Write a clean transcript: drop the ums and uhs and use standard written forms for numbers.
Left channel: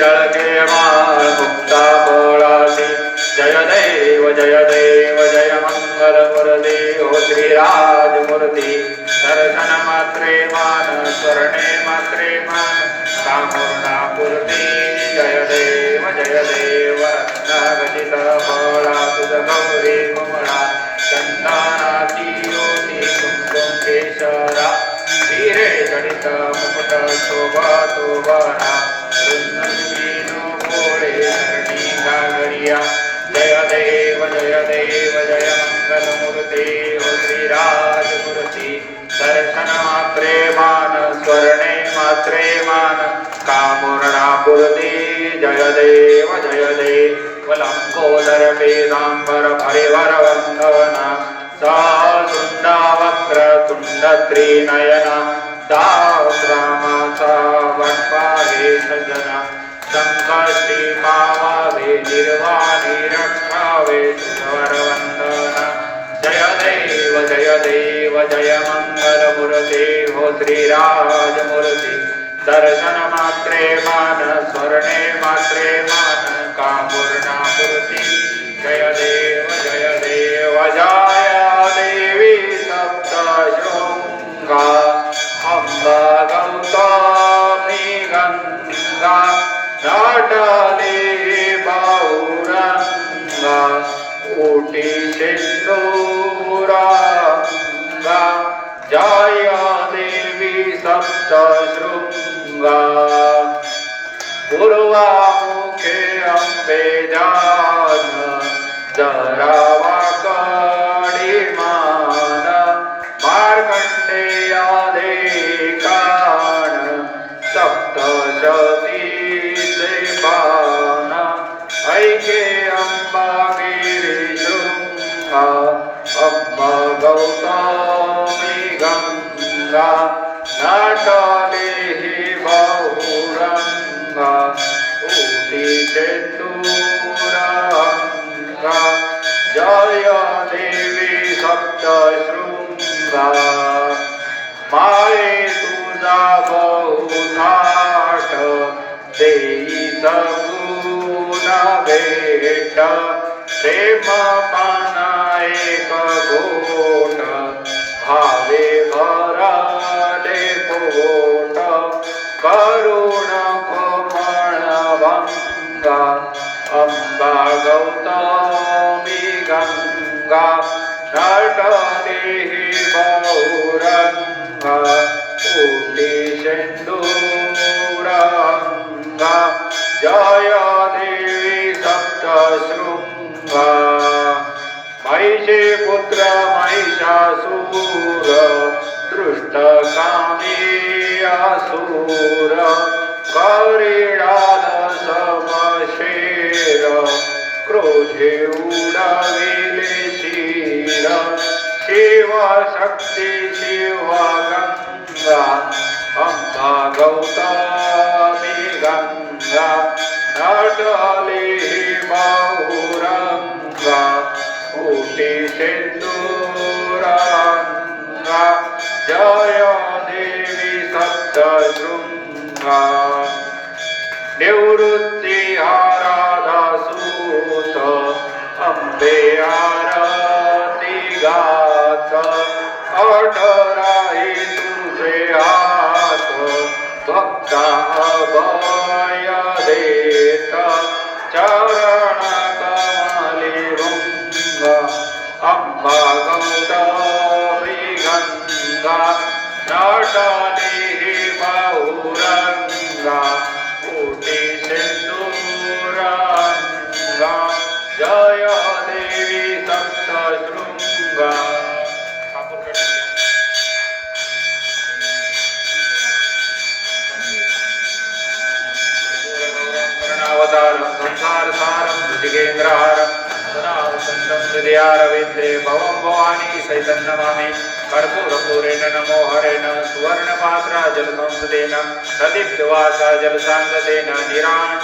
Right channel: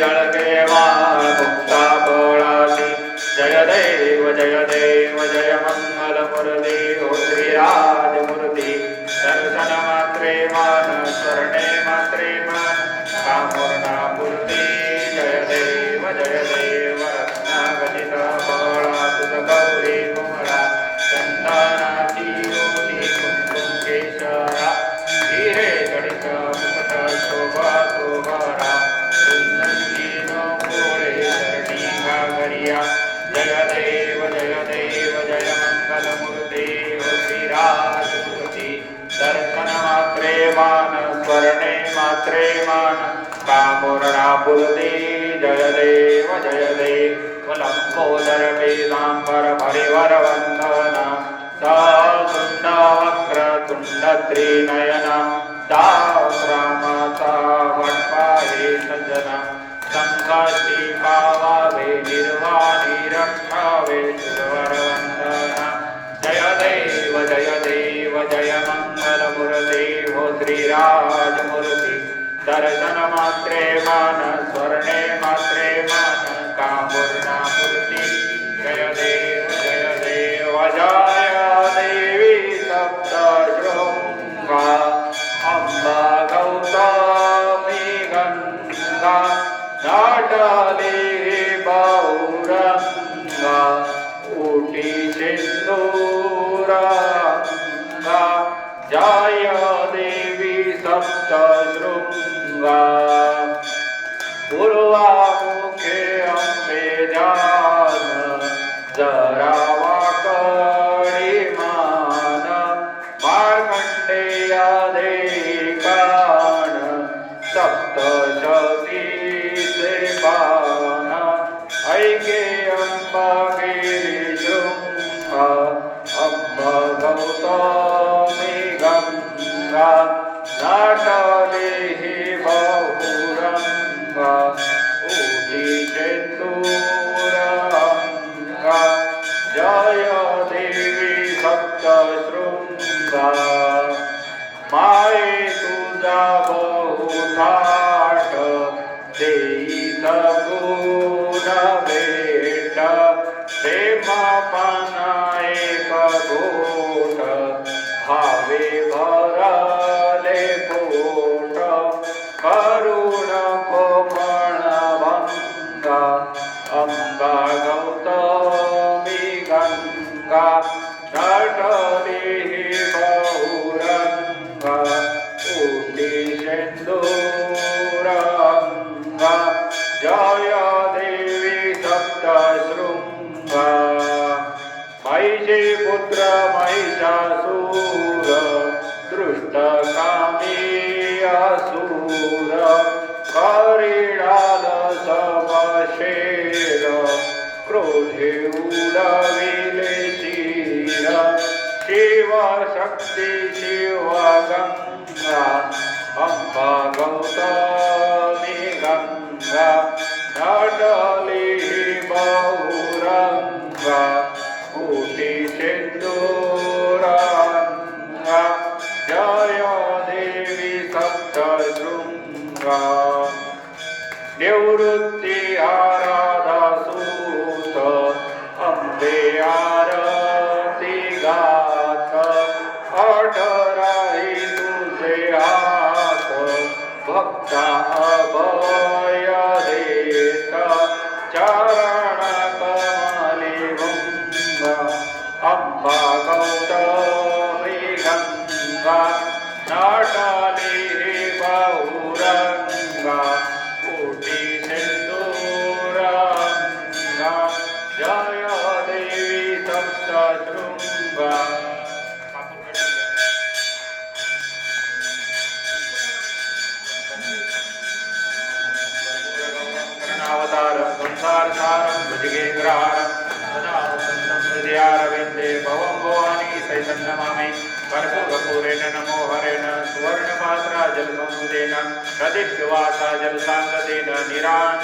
दळके माळ मुक्ता बोळासी जय देव जय मंगलमूर्ती हो श्रीराजमूर्ती दर्शन मात्रे मान स्मरणे मात्रे मान कामूर्णापूर्ती जय देव रत्नागलित बोळा तुझ गौरी कोमळा संतानाची मोठी कुंकुम केशरा वीरे जडित मुकुट शोभा तो बरा गोळे धरणी गागरिया जय देव जय मंगलमूर्ती हो श्रीराजमूर्ती दर्शन मात्रे मान स्मरणे मात्रे मान कामूर्णापूर्ती जय देव लंबोदर पीतांबर परिवर वंदना सहस्रुंड वक्र तुंड त्रिनयन दासरामाचा वटपाहे सजना संकष्टी पावावे निर्वाणी रक्षावे सुवर वंदना जय देव जय मंगलमूर्ती हो श्रीराजमूर्ती दर्शन मात्रे मान स्मरणे मात्रे मान कामूर्णापूर्ती जय देव जय देवी सप्तशृंगा अंबा गौतमी गंगा नाटले बहुरंगा ऊटी सिंदूरांगा जय देवी सप्तशृंगा पूर्वामुखे अंबे जान जरावा कडी मान मार्कंडेया देकान सप्तशतीचे बाण ऐके अंबा गिरिशृंगा अंबा गौतमी गंगा नाटले हि बहुरंगा ऊटी चेंदूरांगा जय देवी सप्तशृंगा माये तुझा बहुथाट देई सगुण भेट प्रेम पाना एक गोट भावे भरले पोट करुण कोमळ भंगा अंबा गौतमी गंगा नटले बहुरंगा ऊटी सिंदूरांगा जय देवी सप्तशृंगा महिषे पुत्र महिषासूर दृष्टकामी असुर करीडाल समशेर क्रोधे उडविले शिर शिवशक्ती शिवगंगा अंबा गौतमी गंगा नटले बहुरंगा ऊटी सिंदूरांगा जय देवी सप्तशृंगा निवृत्ती आराधा सूत अंबे आरती गात अठराही तुझे हात भक्ता अभय देत चरण कमली वंग अंबा गौतमी गंगा नटली बहुरंगा ऊटी सिंदूरांगा जय देवी सप्तशृंगा अवतारं संसारसारं भुजगेन्द्रहारं सदा वसन्तं हृदयारविन्दे भवं भवानी सहितं नमामि कर्पूरपूरेण नमो हरेण सुवर्णपात्रा जलसंसदेन प्रदीप्तवासा जलसाङ्गतेन निराण